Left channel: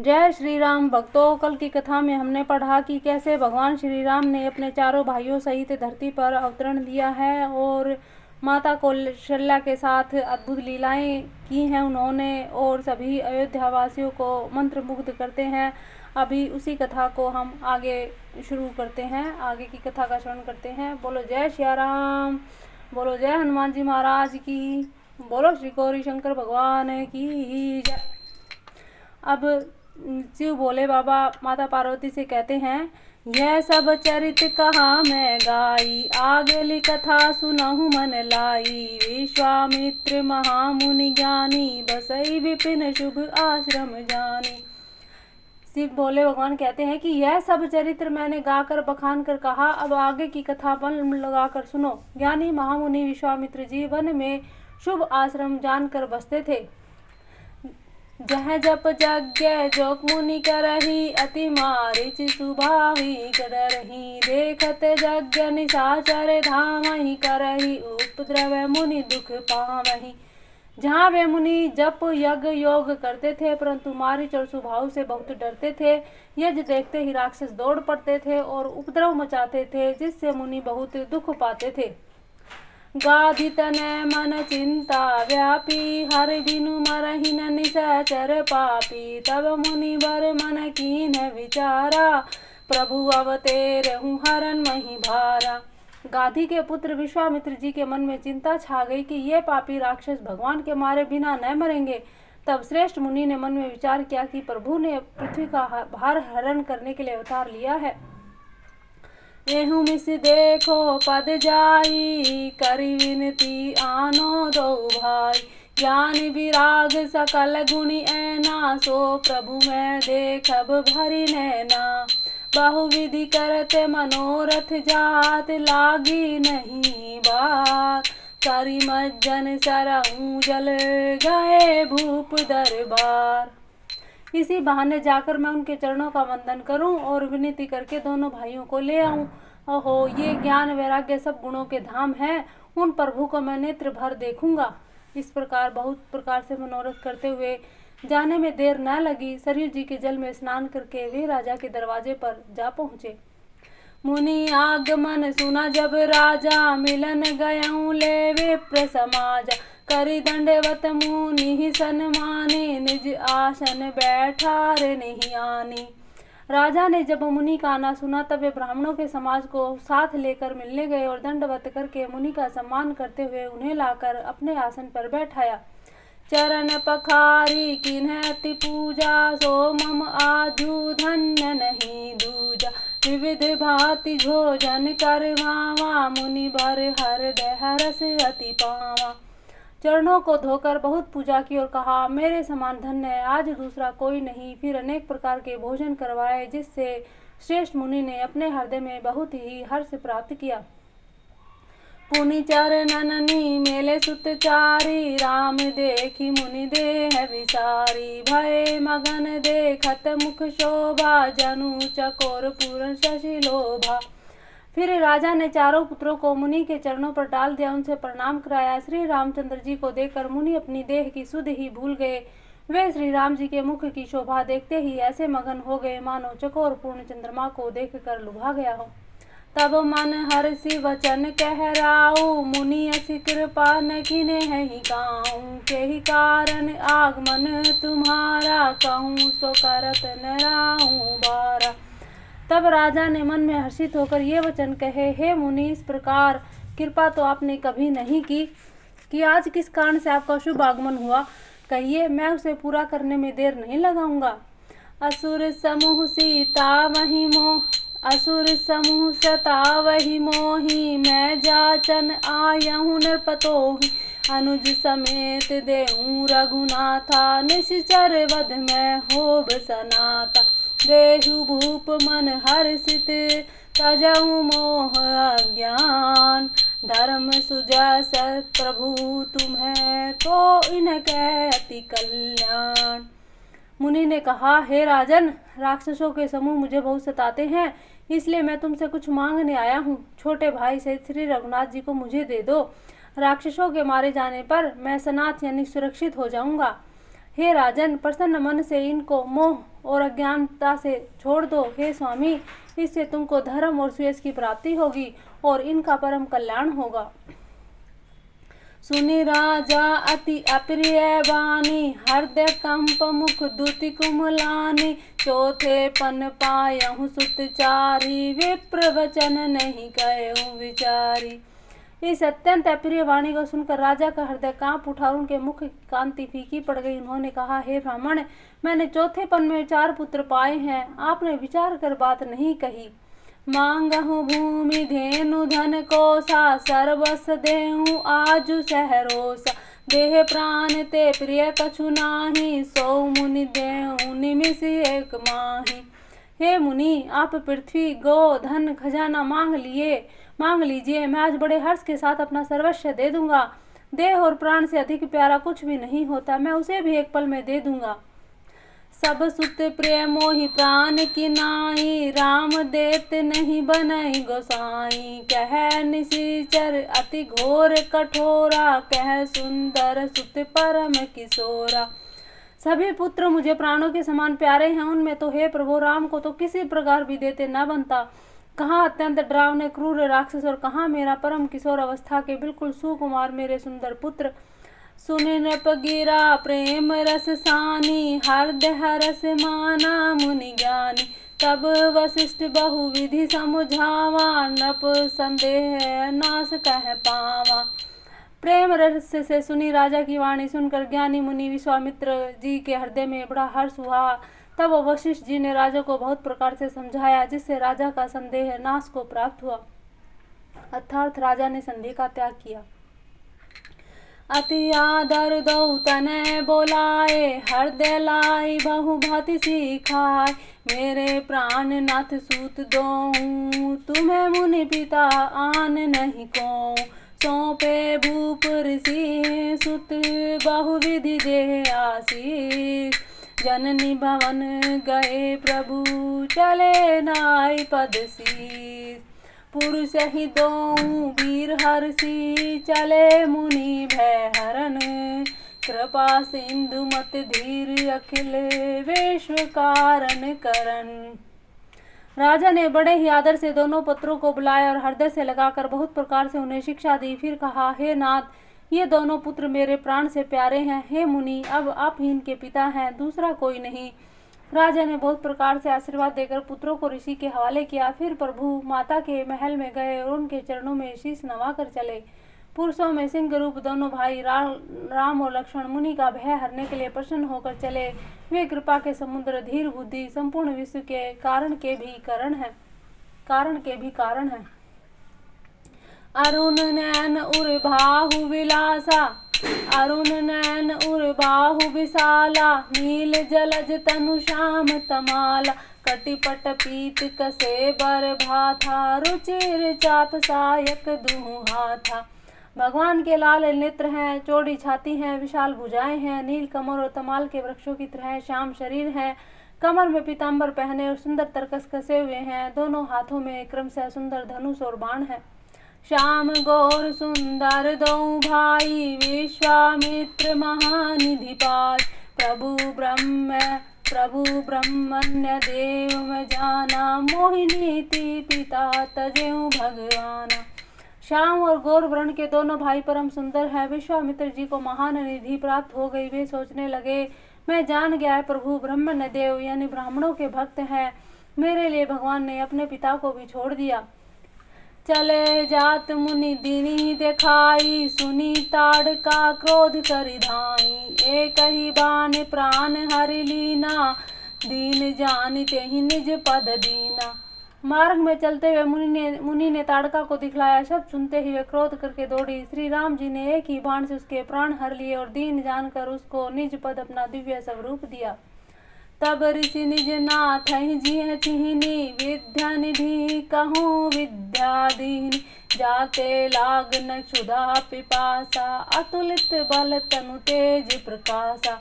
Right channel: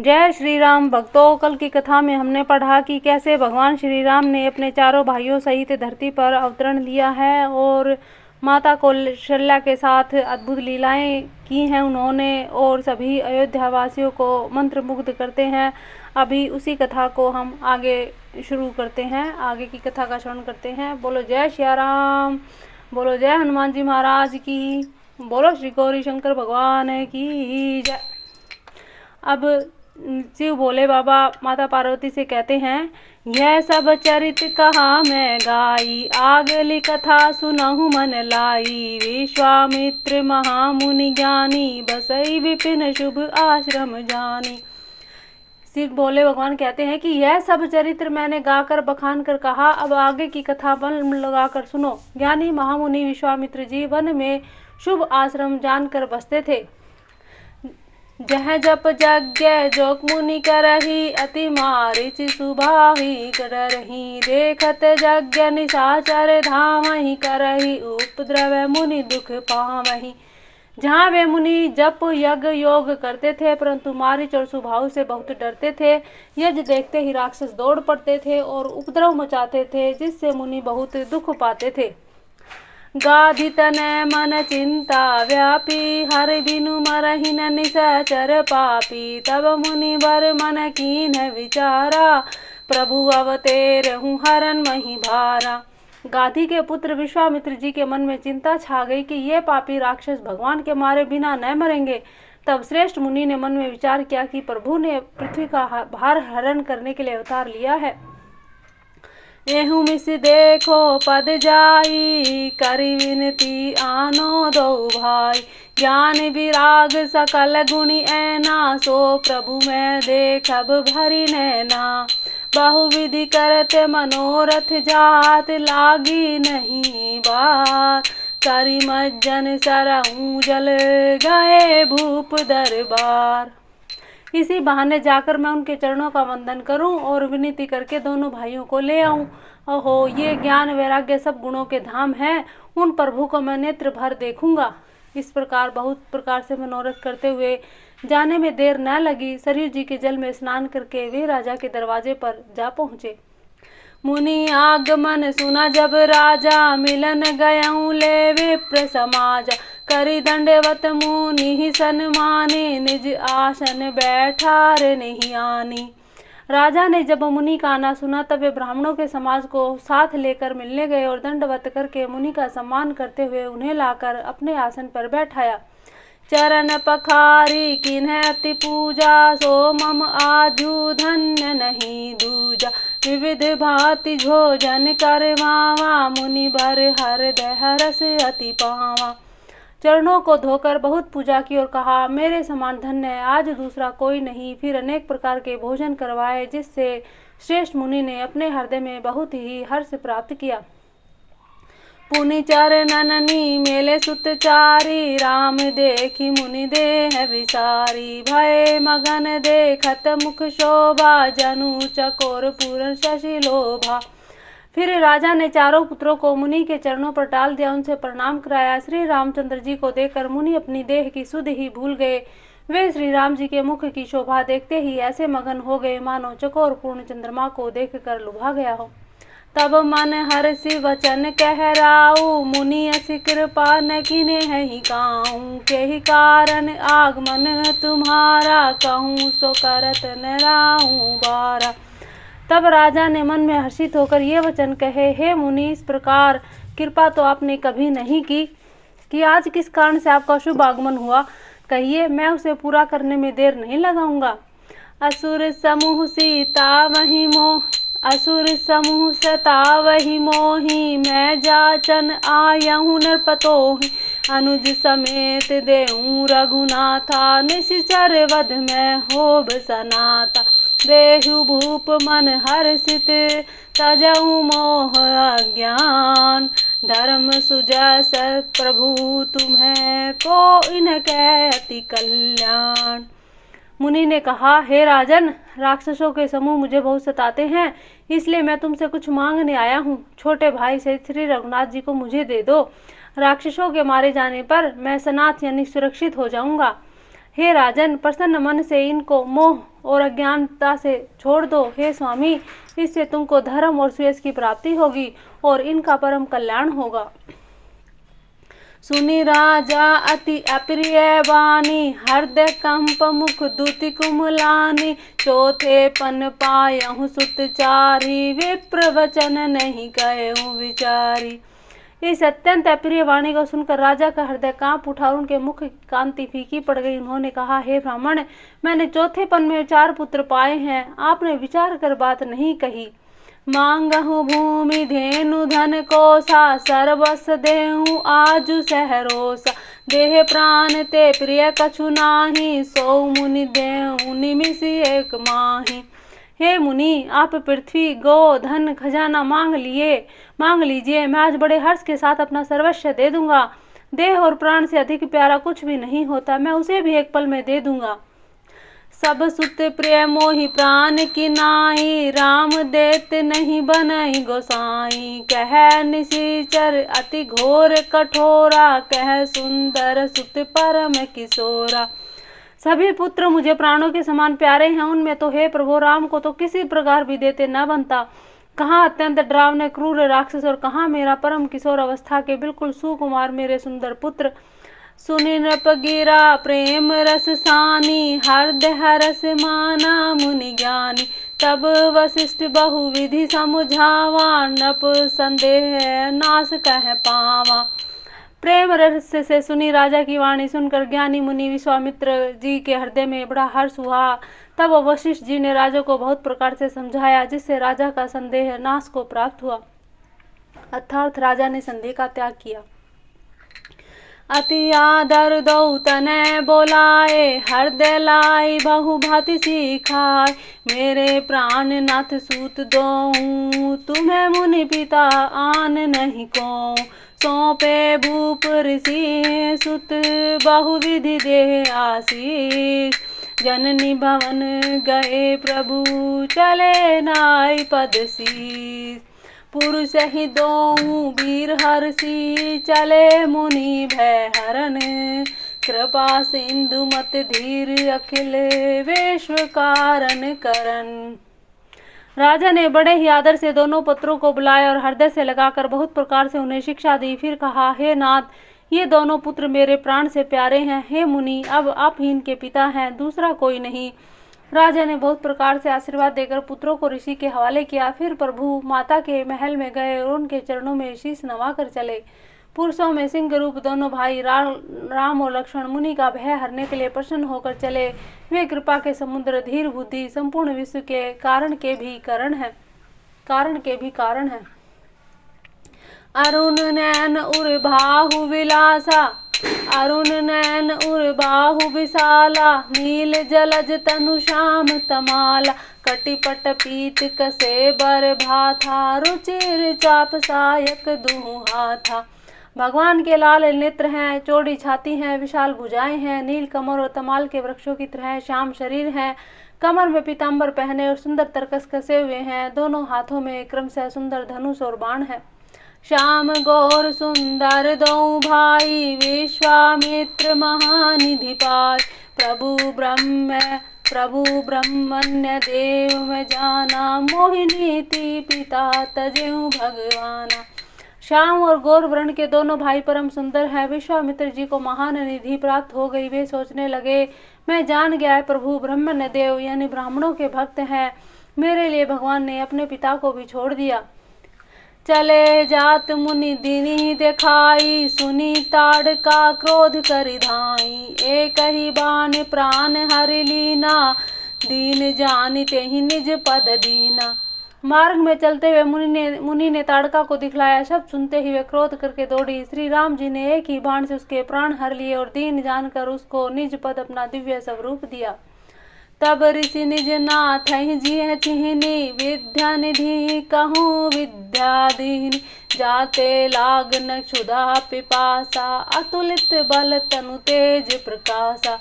जय श्री राम भक्तों, कल की कथा में हमने पढ़ा कि कैसे भगवान श्री राम ने अपने चारों भाइयों सहित धरती पर अवतरण लिया है और माता कौशल्या के साथ अद्भुत लीलाएं की हैं उन्होंने, और सभी अयोध्या वासियों को मंत्रमुग्ध करते हैं। अभी उसी कथा को हम आगे शुरू करते हैं, आगे की कथा का श्रवण करते हैं। बोलो जय श्री राम, बोलो जय हनुमान जी महाराज की, बोलो श्री गौरी शंकर भगवान की जय। अब शिव भोले बाबा माता पार्वती से कहते हैं, यह सब चरित कहा मैं गाई, आगली कथा सुनहु मन लाई। विश्वामित्र महामुनि ज्ञानी, बसई विपिन शुभ आश्रम जानी। शिव भोले भगवान कहते हैं कि यह सब चरित्र मैंने गाकर बखान कर कहा, अब आगे की कथा मन लगाकर सुनो। ज्ञानी महामुनि विश्वामित्र जी वन में शुभ आश्रम जानकर बसते थे। जह जप यज्ञ जोक मुनि करही, अति मारिच सुभाहि करही। देखत यज्ञ निशाचर धामहि, करही उपद्रव मुनि दुख पावहि। जहाँ वे मुनि जप यज्ञ योग करते थे, परंतु मारिच और सुभाव से बहुत डरते थे। यज्ञ देखते ही राक्षस दौड़ पड़ते थे और उपद्रव मचाते थे, जिससे मुनि बहुत दुख पाते थे। गाधि तनय मन चिंता व्यापी, हर बिनु मरहिन निशाचर पापी। तब मुनि बर मन कीन विचारा, प्रभु अवतेरहु हरन मही भारा। गाधी के पुत्र विश्वामित्र जी के मन में चिंता छा गई कि ये पापी राक्षस भगवान के मारे बिना न मरेंगे। तब श्रेष्ठ मुनि ने मन में विचार किया कि प्रभु ने पृथ्वी का भार हरण करने के लिए अवतार लिया है। एहू मिस देखो पद जाई, करी विनती आनो दो भाई। ज्ञान विराग सकल गुणी ऐना, सो प्रभु मैं देखब भरी नैना। बहुविधि करते मनोरथ जात, लागी नहीं बात। करी मज्जन सरहूँ जल, गए भूप दरबार। इसी बहाने जाकर मैं उनके चरणों का वंदन करूं और विनती करके दोनों भाइयों को ले आऊं। ओहो, ये ज्ञान वैराग्य सब गुणों के धाम हैं, उन प्रभु को मैं नेत्र भर देखूंगा। इस प्रकार बहुत प्रकार से मनोरथ करते हुए जाने में देर न लगी। सरयू जी के जल में स्नान करके वे राजा के दरवाजे पर जा पहुँचे। मुनि आगमन सुना जब राजा, मिलन गयऊँ ले विप्र समाजा। करी दंडवत मुनि सन्माने, निज आसन बैठार नहीं आनी। राजा ने जब मुनि का आना सुना, तब वे ब्राह्मणों के समाज को साथ लेकर मिलने गए और दंडवत करके मुनि का सम्मान करते हुए उन्हें लाकर अपने आसन पर बैठाया। चरण पखारी किन्ह अति पूजा, सो मम आजू धन्य नहीं दूजा। विविध भांति भोजन करवावा, मुनि भर हृदय हरस अति पावा। चरणों को धोकर बहुत पूजा की और कहा, मेरे समान धन्य है आज दूसरा कोई नहीं। फिर अनेक प्रकार के भोजन करवाए, जिससे श्रेष्ठ मुनि ने अपने हृदय में बहुत ही हर्ष प्राप्त किया। पुनि चरणननी मेले सुतचारी, राम देखी मुनि देह विसारी। भय मगन देखत मुख शोभा, जनु चकोर पूर्ण शशि लोभा। फिर राजा ने चारों पुत्रों को मुनि के चरणों पर डाल दिया, उनसे प्रणाम कराया। श्री रामचंद्र जी को देखकर मुनि अपनी देह की सुध ही भूल गए। वे श्री राम जी के मुख की शोभा देखते ही ऐसे मगन हो गए, मानो चकोर पूर्ण चंद्रमा को देखकर लुभा गया हो। तब मन हर्षि वचन कहराऊ, मुनि असी कृपा न कीने है काहू। के ही कारण आगमन तुम्हारा, कहूँ सो करत न राहू बारा। तब राजा ने मन में हर्षित होकर ये वचन कहे, हे मुनि, इस प्रकार कृपा तो आपने कभी नहीं की कि आज किस कारण से आपका शुभ आगमन हुआ, कहिए, मैं उसे पूरा करने में देर नहीं लगाऊंगा। असुर समूह सीता वही मोह, असुर समूह सता वही मोही। मैं जाचन आयहूँ नरपतोहि, अनुज समेत देऊँ रघुनाथा। निश्चर वध में होब सनाता, देहु भूप मन हर्षित। तजहु मोह अज्ञान, धर्म सुजस प्रभु तुम्हें। को इनके अति कल्याण। मुनि ने कहा, हे राजन, राक्षसों के समूह मुझे बहुत सताते हैं, इसलिए मैं तुमसे कुछ मांगने आया हूँ। छोटे भाई से श्री रघुनाथ जी को मुझे दे दो। राक्षसों के मारे जाने पर मैं सनाथ यानी सुरक्षित हो जाऊंगा। हे राजन, प्रसन्न मन से इनको मोह और अज्ञानता से छोड़ दो। हे स्वामी, इससे तुमको धर्म और श्रेयस की प्राप्ति होगी और इनका परम कल्याण होगा। सुनि राजा अति अप्रिय वाणी, हृदय कंप मुख दुति कुमलानी। चौथे पन पायहु सुतचारी, विप्र वचन नहीं कहूँ विचारी। इस अत्यंत अप्रिय वाणी को सुनकर राजा का हृदय कांप उठा और उनके मुख की कांति फीकी पड़ गई। उन्होंने कहा, हे ब्राह्मण, मैंने चौथे पन में 4 पुत्र पाए हैं, आपने विचार कर बात नहीं कही। मांगहु भूमि धेनु धन कोसा, सर्वस देहु आजु सहरोसा। देह प्राण ते प्रिय कछु नाही, सो मुनि देहु निमिष एक माही। हे मुनि, आप पृथ्वी गो धन खजाना मांग लीजिए, मैं आज बड़े हर्ष के साथ अपना सर्वस्व दे दूंगा। देह और प्राण से अधिक प्यारा कुछ भी नहीं होता, मैं उसे भी एक पल में दे दूंगा। सब सुत प्रिय मोहि प्राण की नाई, राम देत नहीं बनई गोसाई। कह निशिचर अति घोर कठोरा, कह सुंदर सुत परम किशोरा। सभी पुत्र मुझे प्राणों के समान प्यारे हैं, उनमें तो हे प्रभु राम को तो किसी प्रकार भी देते न बनता। कहाँ अत्यंत डरावने क्रूर राक्षस और कहाँ मेरा परम किशोर अवस्था के बिल्कुल सुकुमार मेरे सुंदर पुत्र। सुनि नृप गिरा प्रेम रस सानी, हृदय हरस माना मुनि ज्ञानी। तब वशिष्ठ बहुविधि समझावा, नृप संदेह नाश कह पावा। प्रेम रस से सुनी राजा की वाणी सुनकर ज्ञानी मुनि विश्वामित्र जी के हृदय में बड़ा हर्ष हुआ। तब वशिष्ठ जी ने राजा को बहुत प्रकार से समझाया, जिससे राजा का संदेह नाश को प्राप्त हुआ, अर्थात राजा ने संदेह का त्याग किया। अति आदर दो तने बोलाए, हृदय लाई बहु भांति सिखाए। मेरे प्राण नाथ सूत दो, तुम्हें मुनि पिता आन नहीं को। सौंपे भूप ऋषि सुत, बहुविधि दे आशीष। जननी भवन गए प्रभु, चले नाई पद शीस। पुरुष ही दो वीर हर्षि, चले मुनि भय हरन। कृपा सिंधु मत धीर, अखिल विश्व कारण करन। राजा ने बड़े ही आदर से दोनों पुत्रों को बुलाया और हृदय से लगाकर बहुत प्रकार से उन्हें शिक्षा दी। फिर कहा, हे नाथ, ये दोनों पुत्र मेरे प्राण से प्यारे हैं। हे मुनि, अब आप ही इनके पिता हैं, दूसरा कोई नहीं। राजा ने बहुत प्रकार से आशीर्वाद देकर पुत्रों को ऋषि के हवाले किया। फिर प्रभु माता के महल में गए और उनके चरणों में शीश नवा कर चले। पुरुषों में सिंह रूप दोनों भाई राम और लक्ष्मण मुनि का भय हरने के लिए प्रसन्न होकर चले। वे कृपा के समुद्र, धीर बुद्धि, संपूर्ण विश्व के कारण के भी कारण है। अरुण नैन उर बाहु विलासा, अरुण नैन उर बाहु विशाला। नील जलज तनु श्याम तमाला, कटिपट पीत कसे बर भाथा। रुचिर चाप सायक दुहा था। भगवान के लाल नेत्र हैं, चौड़ी छाती हैं, विशाल भुजाएं हैं, नील कमर और तमाल के वृक्षों की तरह श्याम शरीर है। कमर में पीताम्बर पहने और सुंदर तरकस कसे हुए हैं। दोनों हाथों में क्रमशः सुंदर धनुष और बाण है। श्याम गौर सुंदर दो भाई, विश्वामित्र महानिधि पाय। प्रभु ब्रह्मण्य देव में जाना, मोहिनीति पिता तजेऊ भगवाना। श्याम और गौर वर्ण के दोनों भाई परम सुंदर हैं। विश्वामित्र जी को महान निधि प्राप्त हो गई। वे सोचने लगे, मैं जान गया है प्रभु ब्रह्मण्य देव यानी ब्राह्मणों के भक्त हैं। मेरे लिए भगवान ने अपने पिता को भी छोड़ दिया। चले जात मुनि दीनी दिखाई, सुनी ताड़का क्रोध करि धाई। एक ही बाण प्राण हरि लीना, दीन जानिते ही निज पद दीना। मार्ग में चलते हुए मुनि ने ताड़का को दिखलाया। शब्द सुनते ही वे क्रोध करके दौड़ी। श्री राम जी ने एक ही बाण से उसके प्राण हर लिए और दीन जानकर उसको निज पद अपना दिव्य स्वरूप दिया। तब ऋषि निज नाथ जी चिन्ही, विद्या निधि कहूँ विद्याधीन। जाते लागन क्षुधा पिपासा, अतुलित बल तनु तेज प्रकाशा।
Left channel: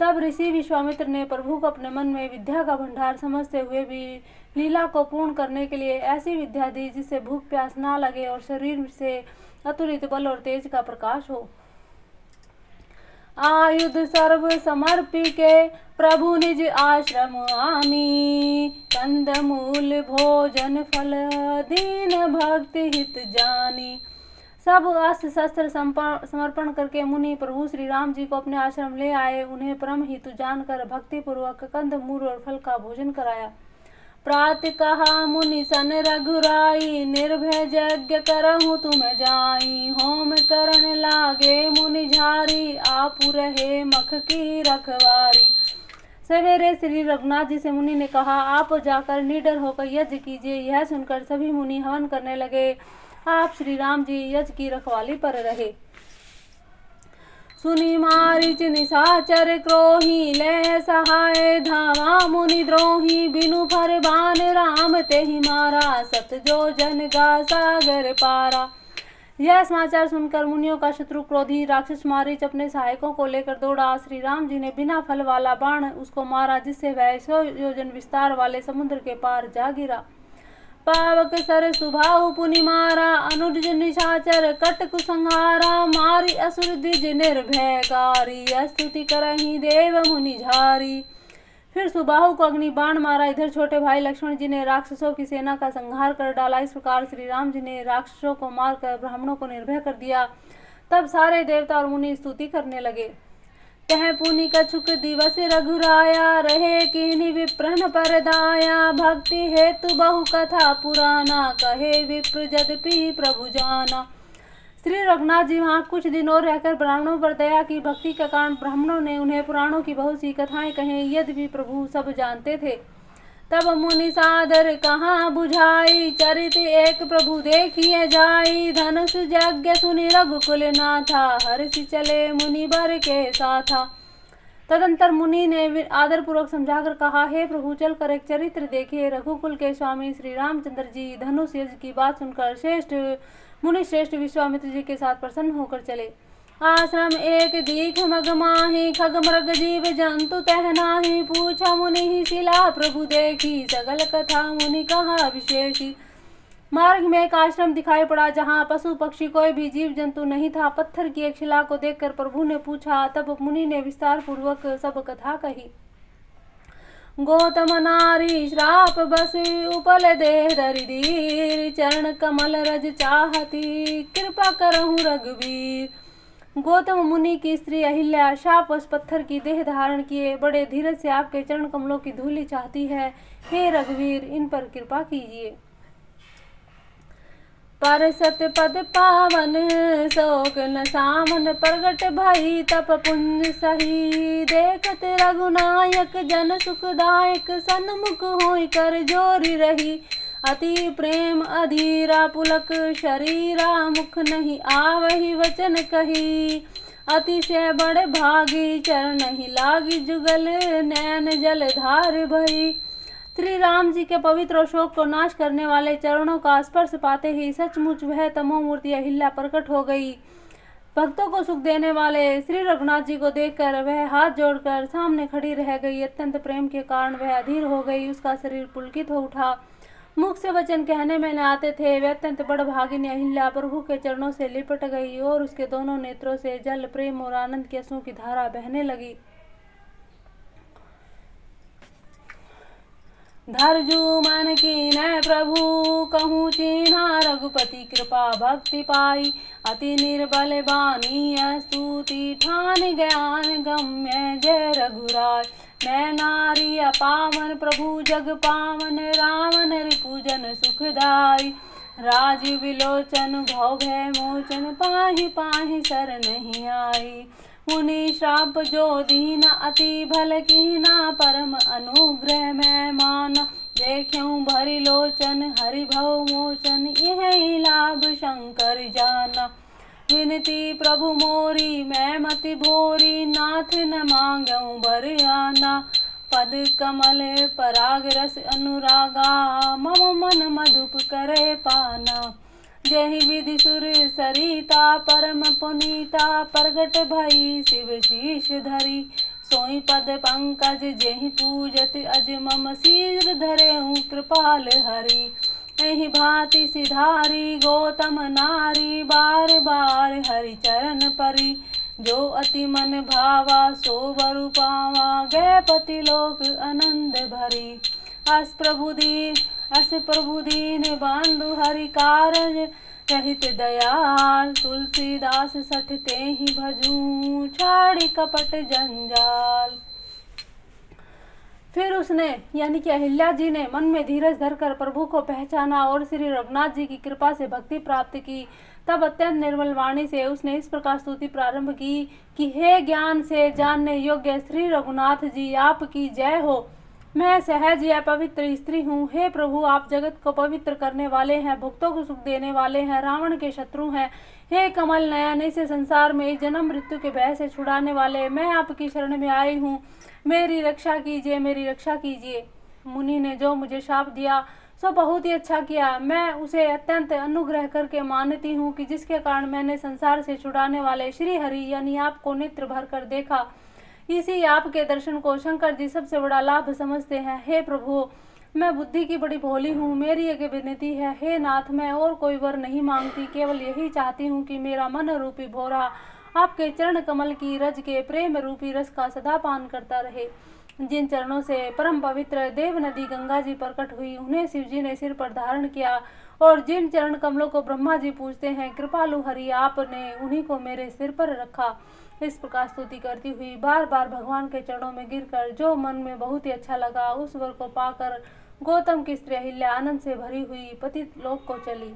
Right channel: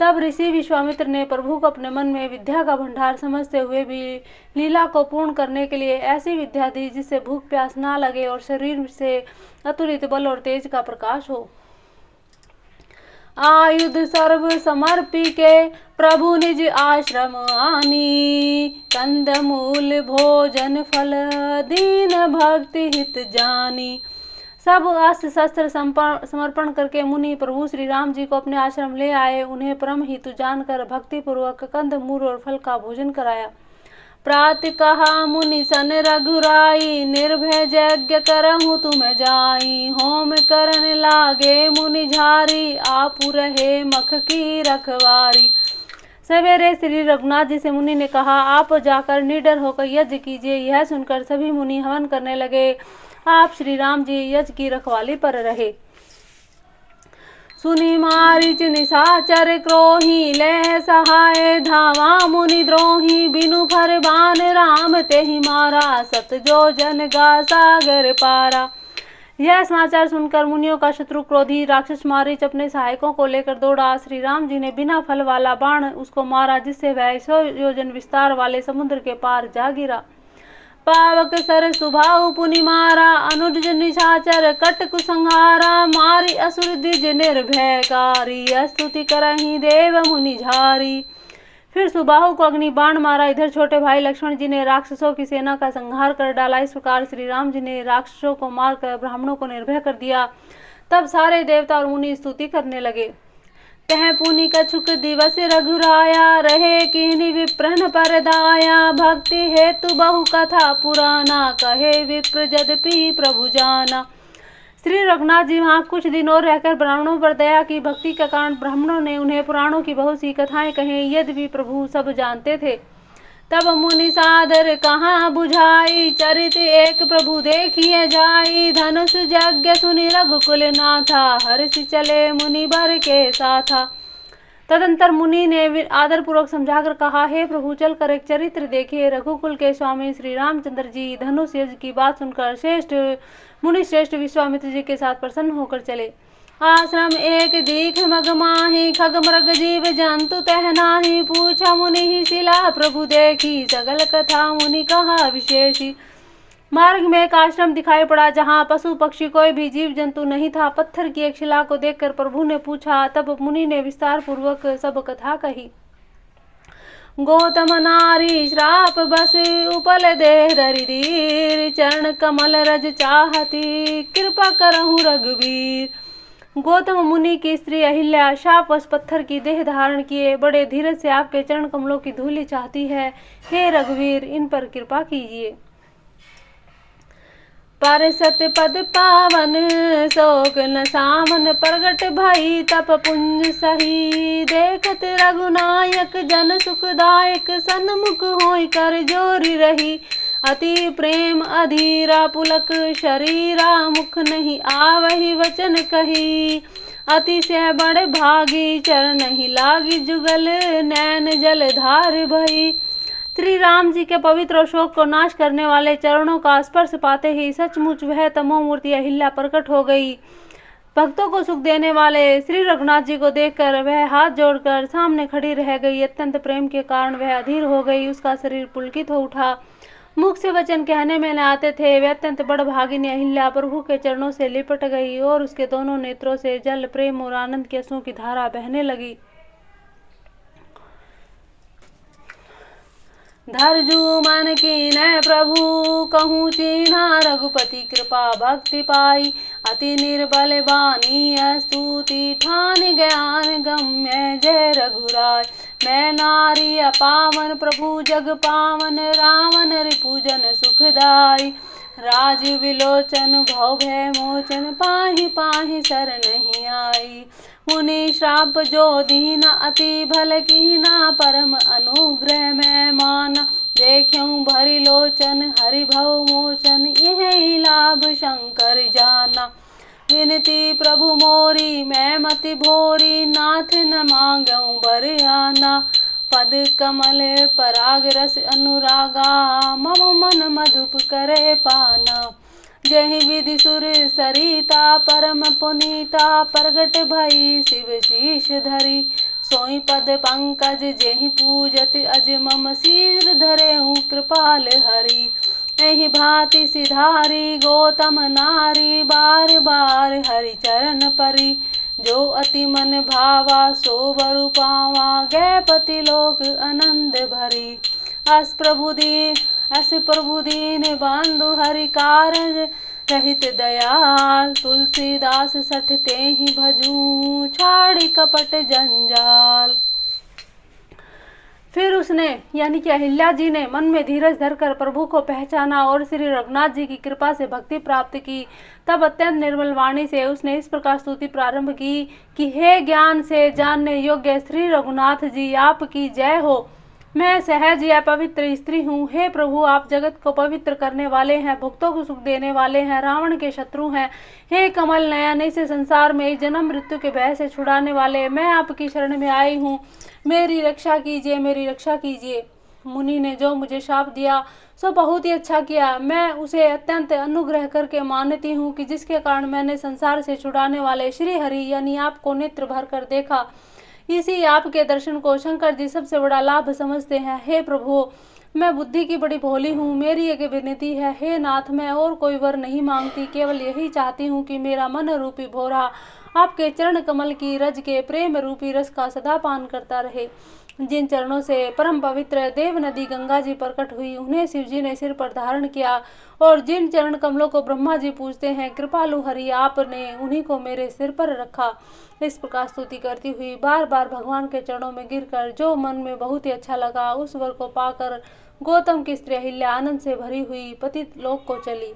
तब ऋषि विश्वामित्र ने प्रभु को अपने मन में विद्या का भंडार समझते हुए भी लीला को पूर्ण करने के लिए ऐसी विद्या दी जिससे भूख प्यास ना लगे और शरीर से अतुलित बल और तेज का प्रकाश हो। आयुध सर्व समर्पी के प्रभु निज आश्रम आनी। कंद मूल भोजन फल दीन भक्ति हित जानी। सब अस्त्र शस्त्र समर्पण करके मुनि प्रभु श्री राम जी को अपने आश्रम ले आए। उन्हें परम हितु जानकर भक्ति पूर्वक कंद मूल और फल का भोजन कराया। प्रात कहा मुनि सन रघुराई, निर्भय यज्ञ करहूँ तुम जाई। होम करन लागे मुनि झारी, आपु रहे मख की रखवारी। सवेरे श्री रघुनाथ जी से मुनि ने कहा, आप जाकर निडर होकर यज्ञ कीजिए। यह सुनकर सभी मुनि हवन करने लगे। आप श्री राम जी यज्ञ की रखवाली पर रहे। सुनि मारीच निशाचर क्रोही, ले सहाय धावा मुनि द्रोही। बिनु फरमान राम तेहि मारा, सत जो जन गा सागर पारा। यह समाचार सुनकर मुनियों का शत्रु क्रोधी राक्षस मारीच अपने सहायकों को लेकर दौड़ा। श्री राम जी ने बिना फल वाला बाण उसको मारा, जिससे वह 100 योजन विस्तार वाले समुद्र के पार जा गिरा। पावक सर सुभाव पुनि मारा, अनुज निशाचर कट कुसंहारा। मारी असुर द्विज निर्भयकारी, स्तुति करहि देव मुनि झारी। फिर सुबाहु को अग्नि बाण मारा। इधर छोटे भाई लक्ष्मण जी ने राक्षसों की सेना का संहार कर डाला। इस प्रकार श्री राम जी ने राक्षसों को मारकर ब्राह्मणों को निर्भय कर दिया। तब सारे देवता और मुनि स्तुति करने लगे। कह पुनि कछुक दिवस रघुराया, रहे कीनि विप्रन पर दाया। भक्ति हेतु बहु कथा पुराना, कहे विप्र यद्यपि प्रभु जाना। श्री रघुनाथ जी वहाँ कुछ दिन और रहकर ब्राह्मणों पर दया की भक्ति के कारण ब्राह्मणों ने उन्हें पुराणों की बहुत सी कथाएं कहें, यद्यपि प्रभु सब जानते थे। तब मुनि सादर कहाँ बुझाई, चरित एक प्रभु देखिए जाई। धनुष यज्ञ सुनि रघुकुल नाथा, हर्षि चले मुनि बर के साथा। तदंतर मुनि ने आदर पूर्वक समझाकर कहा, हे प्रभु चल कर एक चरित्र देखिए। रघुकुल के स्वामी श्री रामचंद्र जी धनुष यज्ञ की बात सुनकर मुनि श्रेष्ठ विश्वामित्र जी के साथ प्रसन्न होकर चले। आश्रम एक दीख मग माही, खग मृग जीव जंतु तह नाही। पूछा मुनि ही शिला प्रभु देखी, सगल कथा मुनि कहा विशेषी। मार्ग में एक आश्रम दिखाई पड़ा, जहाँ पशु पक्षी कोई भी जीव जंतु नहीं था। पत्थर की एक शिला को देखकर प्रभु ने पूछा। तब मुनि ने विस्तार पूर्वक सब कथा कही। गौतम नारी श्राप बस, उपल देह दरिदीर। चरण कमल रज चाहती, कृपा करहु रघुवीर। गौतम मुनि की स्त्री अहिल्या शापवश पत्थर की देह धारण किए बड़े धीरज से आपके चरण कमलों की धूलि चाहती है। हे रघुवीर, इन पर कृपा कीजिए। पर सत्य पद पावन, शोक न सामन प्रगट भई। तप पुंज सही, देखत रघुनायक जन सुखदायक। सन्मुख होई कर जोरी रही, अति प्रेम अधीरा पुलक शरीरा। मुख नहीं आवहि वचन कही, अतिशय बड़े भागी। चरण नहीं लागी जुगल, नैन जल धार भई। श्री राम जी के पवित्र और शोक को नाश करने वाले चरणों का स्पर्श पाते ही सचमुच वह तमोमूर्ति अहिल्या प्रकट हो गई। भक्तों को सुख देने वाले श्री रघुनाथ जी को देखकर वह हाथ जोड़कर सामने खड़ी रह गई। अत्यंत प्रेम के कारण वह अधीर हो गई। उसका शरीर पुलकित हो उठा। मुख से वचन कहने में न आते थे। वह अत्यंत बड़भागिनी अहिल्या प्रभु के चरणों से लिपट गई और उसके दोनों नेत्रों से जल प्रेम और आनंद के आंसुओं की धारा बहने लगी। धरजू मन कीन्ह प्रभु, कहूँ चिन्हा रघुपति। कृपा भक्ति पाई, अति निर्बल बानी। स्तुति ठान ज्ञान गम्य, जय रघुराय। मैं नारी अपावन, प्रभु जग पावन। रावण रिपुजन सुखदाई, राजीव विलोचन। भव भय मोचन, पाहि पाहि शर नहीं आई। मुनि श्राप जो दीना, अति भल कीना। परम अनुग्रह मैं माना, देख्यूं भरि लोचन। हरि भव मोचन, यही लाभ शंकर जाना। विनती प्रभु मोरी, मैं मति भोरी। नाथ न मांगऊं बरियाना, पद कमल पराग रस अनुरागा। मम मन मधुप करे पाना। जहि विधि सुर सरिता, परम पुनीता। प्रगट भई शिव शीश धरी, सोई पद पंकज। जेहि पूजत अज मम शीर धरेहु कृपाल हरि। एहि भांति सिधारी गौतम नारी, बार बार हरि चरण परी। जो अति मन भावा सो बरु पावा, गए पति लोक आनंद भरी। अस प्रभु दीन बंधु हरि कारज रहित दयाल, तुलसीदास सठ ते ही भजूं, छाड़ी कपट जंजाल। फिर उसने यानी कि अहिल्या जी ने मन में धीरज धरकर प्रभु को पहचाना और श्री रघुनाथ जी की कृपा से भक्ति प्राप्त की। तब अत्यंत निर्मल वाणी से उसने इस प्रकार स्तुति प्रारंभ की कि हे ज्ञान से जानने योग्य श्री रघुनाथ जी, आपकी जय हो। मैं सहज या पवित्र स्त्री हूँ। हे प्रभु, आप जगत को पवित्र करने वाले हैं, भक्तों को सुख देने वाले हैं, रावण के शत्रु हैं। हे कमल नयन, इस संसार में जन्म मृत्यु के भय से छुड़ाने वाले, मैं आपकी शरण में आई हूँ। मेरी रक्षा कीजिए, मेरी रक्षा कीजिए। मुनि ने जो मुझे शाप दिया सो बहुत ही अच्छा किया। मैं उसे अत्यंत अनुग्रह करके मानती हूँ कि जिसके कारण मैंने संसार से छुड़ाने वाले श्री हरि यानी आपको नेत्र भर कर देखा। इसी आपके दर्शन को शंकर जी सबसे बड़ा लाभ समझते हैं। हे प्रभु, मैं बुद्धि की बड़ी भोली हूँ। मेरी एक विनती है, हे नाथ, मैं और कोई वर नहीं मांगती, केवल यही चाहती हूँ कि मेरा मन रूपी भोरा आपके चरण कमल की रज के प्रेम रूपी रस का सदा पान करता रहे। जिन चरणों से परम पवित्र देव नदी गंगा जी प्रकट हुई, उन्हें शिव जी ने सिर पर धारण किया, और जिन चरण कमलों को ब्रह्मा जी पूजते हैं, कृपालु हरि आपने उन्हीं को मेरे सिर पर रखा। इस प्रकार स्तुति करती हुई बार बार भगवान के चरणों में गिरकर जो मन में बहुत ही अच्छा लगा, उस वर को पाकर गौतम की स्त्री अहिल्या आनंद से भरी हुई पतित लोक को चली।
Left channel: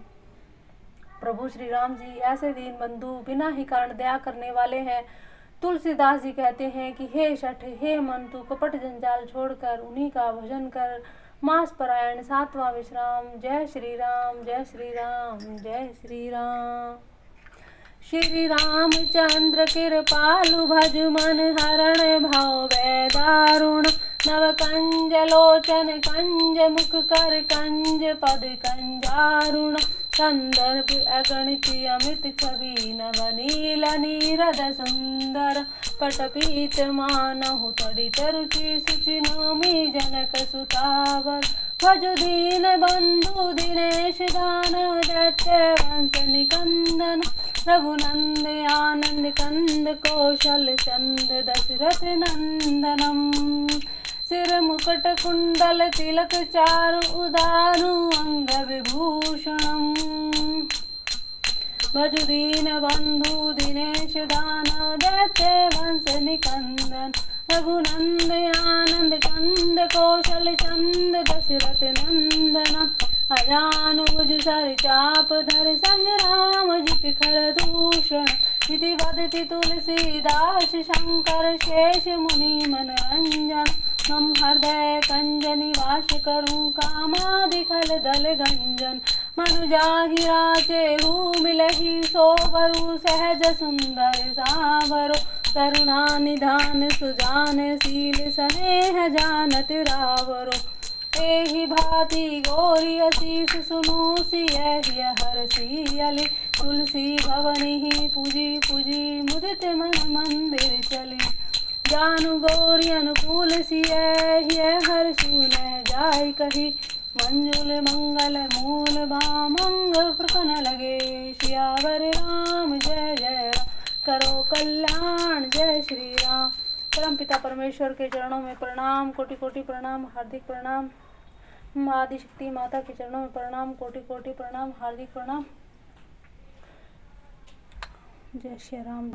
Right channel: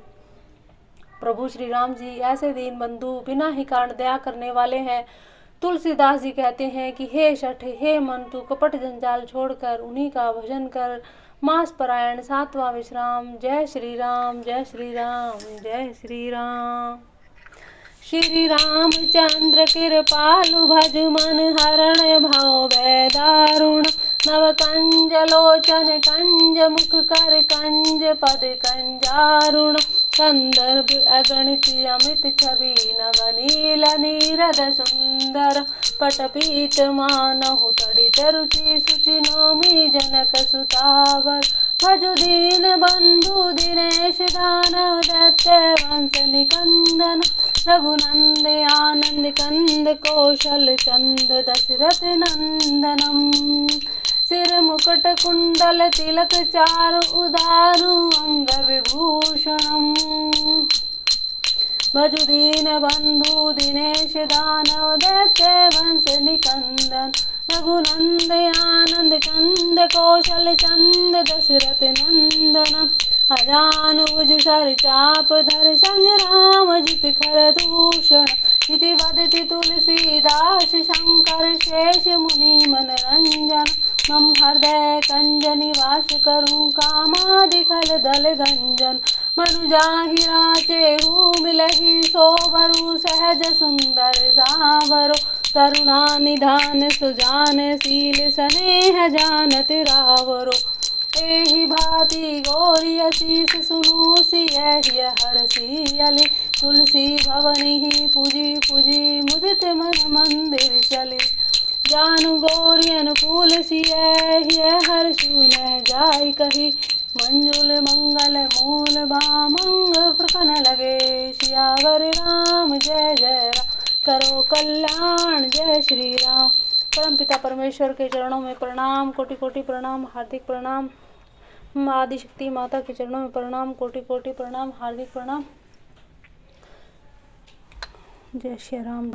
प्रभु श्री राम जी ऐसे दीन बंधु, बिना ही कारण दया करने वाले हैं। तुलसीदास जी कहते हैं कि हे शठ, हे मन, तू कपट जंजाल छोड़कर उन्हीं का भजन कर। मास परायण 7वां विश्राम। जय श्री राम, जय श्री राम, जय श्री राम। श्री रामचंद्र कृपालु भज मन हरण भाव वै दारुण। नव कंज लोचन कंज मुख कर कंज पद कंजारुण। संदर्भ अगणित अमित छवि नवनील नीरद सुंदर। पटपीत मानहु तड़ित रुचि सुचि नौमी जनक सुतावर। भजु दीन बंधु दिनेश दानव दैत्य वंश निकंदन। रघुनंद आनंद कंद कौशल चंद दशरथ नंदनम। सिर मुकुट कुंडल तिलक चारु उदारु अंग विभूषणम। भजु दीन बंधु दिनेश दानव दैत्य वंश निकंदन। रघुनंद आनंद कंद कौशल चंद दशरथ नंदन। अजानुज सर चाप धर संग्राम जित खर दूषण। इति वदति तुलसीदास शंकर शेष मुनि मनरंजन। मम हृदय कंज निवास करूं कामादि खल दल गंजन। मनु जाहि राचेहु मिलहि सोबरु सहज सुंदर सावरो। करुणा निधान सुजान शील स्नेह जानत रावरो। एहि भांति गौरी असीस सुनो सियहि हरषि। तुलसी भवनि पूजी पूजी मुदित मन मंदिर चली। जानु गौरी अनुकूल सियहि हर्षु न जाय कही। मंजुल मंगल मूल भामंग प्रकन लगे। सियावर राम जय जय राम, करो कल्याण जय श्री राम। परम पिता परमेश्वर के चरणों में प्रणाम, कोटि कोटि प्रणाम, हार्दिक प्रणाम। आदि शक्ति माता के चरणों में प्रणाम, कोटि कोटि प्रणाम, हार्दिक प्रणाम। जय श्री राम।